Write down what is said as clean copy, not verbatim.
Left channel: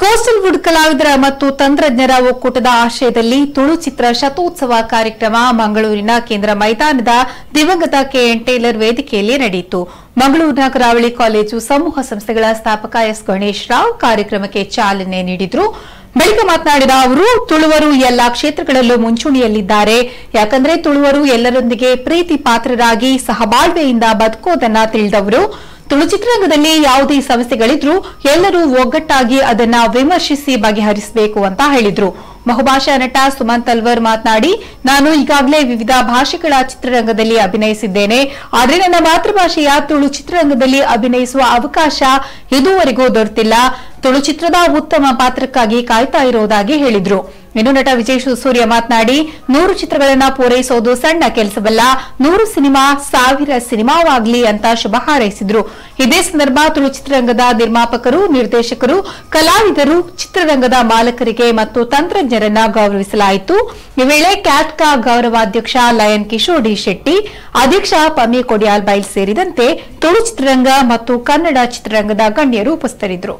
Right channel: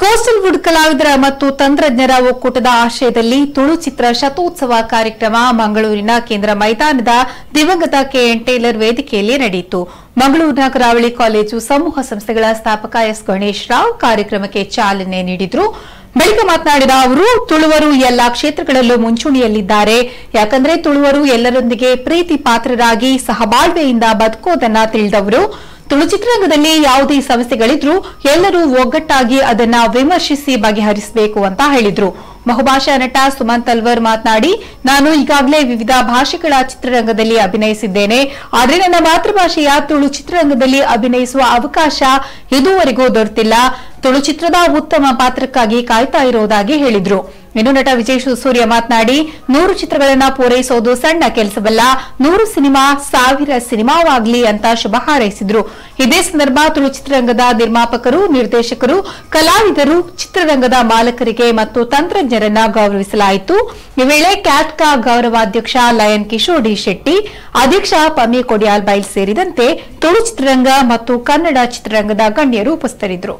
Coastal wood ಕಲಾವಿದರ ಮತ್ತು ತಂತ್ರಜ್ಞರ ಒಕ್ಕೂಟದ ಆಶ್ರಯದಲ್ಲಿ ತುಳು ಚಿತ್ರ ಶತೋತ್ಸವ ಕಾರ್ಯಕ್ರಮ ಮಂಗಳೂರಿನ ಕೇಂದ್ರ ಮೈದಾನದ ದಿವಂಗತ ಕೆಎನ್ ಟೇಲರ್ ವೇದಿಕೆಯಲ್ಲಿ ನಡೆಯಿತು. ಮಂಗಳೂರಿನ ಕರಾವಳಿ ಕಾಲೇಜು ಸಮೂಹ ಸಂಸ್ಥೆಗಳ ಸ್ಥಾಪಕ ಎಸ್ ಗಣೇಶ್ ರಾವ್ ಕಾರ್ಯಕ್ರಮಕ್ಕೆ ಚಾಲನೆ ನೀಡಿದರು. ಬಳಿಕ ಮಾತನಾಡಿದ ಅವರು, ತುಳುವರು ಎಲ್ಲಾ ಕ್ಷೇತ್ರಗಳಲ್ಲೂ ಮುಂಚೂಣಿಯಲ್ಲಿದ್ದಾರೆ. ಯಾಕಂದ್ರೆ ತುಳುವರು ಎಲ್ಲರೊಂದಿಗೆ ಪ್ರೀತಿ ಪಾತ್ರರಾಗಿ ಸಹಬಾಳ್ವೆಯಿಂದ ಬದುಕೋದನ್ನ ತಿಳಿದವರು. ತುಳು ಚಿತ್ರರಂಗದಲ್ಲಿ ಯಾವುದೇ ಸಮಸ್ಯೆಗಳಿದ್ರೂ ಎಲ್ಲರೂ ಒಗ್ಗಟ್ಟಾಗಿ ಅದನ್ನ ವಿಮರ್ಶಿಸಿ ಬಗೆಹರಿಸಬೇಕು ಅಂತ ಹೇಳಿದ್ರು. ಬಹುಭಾಷಾ ನಟ ಸುಮಂತ್ ಅಲ್ವರ್ ಮಾತನಾಡಿ, ನಾನು ಈಗಾಗಲೇ ವಿವಿಧ ಭಾಷೆಗಳ ಚಿತ್ರರಂಗದಲ್ಲಿ ಅಭಿನಯಿಸಿದ್ದೇನೆ. ಆದರೆ ನನ್ನ ಮಾತೃಭಾಷೆಯ ತುಳು ಚಿತ್ರರಂಗದಲ್ಲಿ ಅಭಿನಯಿಸುವ ಅವಕಾಶ ಇದುವರೆಗೂ ದೊರೆತಿಲ್ಲ. ತುಳು ಚಿತ್ರದ ಉತ್ತಮ ಪಾತ್ರಕ್ಕಾಗಿ ಕಾಯ್ತಾ ಇರುವುದಾಗಿ ಹೇಳಿದ್ರು. ಇನ್ನು ನಟ ವಿಜಯ್ ಸೂರ್ಯ ಮಾತನಾಡಿ, 100 ಚಿತ್ರಗಳನ್ನ ಪೂರೈಸೋದು ಸಣ್ಣ ಕೆಲಸವಲ್ಲ, 100 ಸಿನಿಮಾ 1000 ಸಿನಿಮಾವಾಗಲಿ ಅಂತ ಶುಭ ಹಾರೈಸಿದ್ರು. ಇದೇ ಸಂದರ್ಭ ತುಳು ಚಿತ್ರರಂಗದ ನಿರ್ಮಾಪಕರು, ನಿರ್ದೇಶಕರು, ಕಲಾವಿದರು, ಚಿತ್ರರಂಗದ ಮಾಲಕರಿಗೆ ಮತ್ತು ತಂತ್ರಜ್ಞರನ್ನ ಗೌರವಿಸಲಾಯಿತು. ಈ ವೇಳೆ ಕ್ಯಾಟ್ಕಾ ಗೌರವಾಧ್ಯಕ್ಷ ಲಯನ್ ಕಿಶೋರ್ ಡಿ ಶೆಟ್ಟಿ, ಅಧ್ಯಕ್ಷ ಪಮ್ಮಿ ಕೊಡಿಯಾಲ್ ಬೈಲ್ ಸೇರಿದಂತೆ ತುಳು ಚಿತ್ರರಂಗ ಮತ್ತು ಕನ್ನಡ ಚಿತ್ರರಂಗದ ಗಣ್ಯರು ಉಪಸ್ಥಿತರಿದ್ದರು.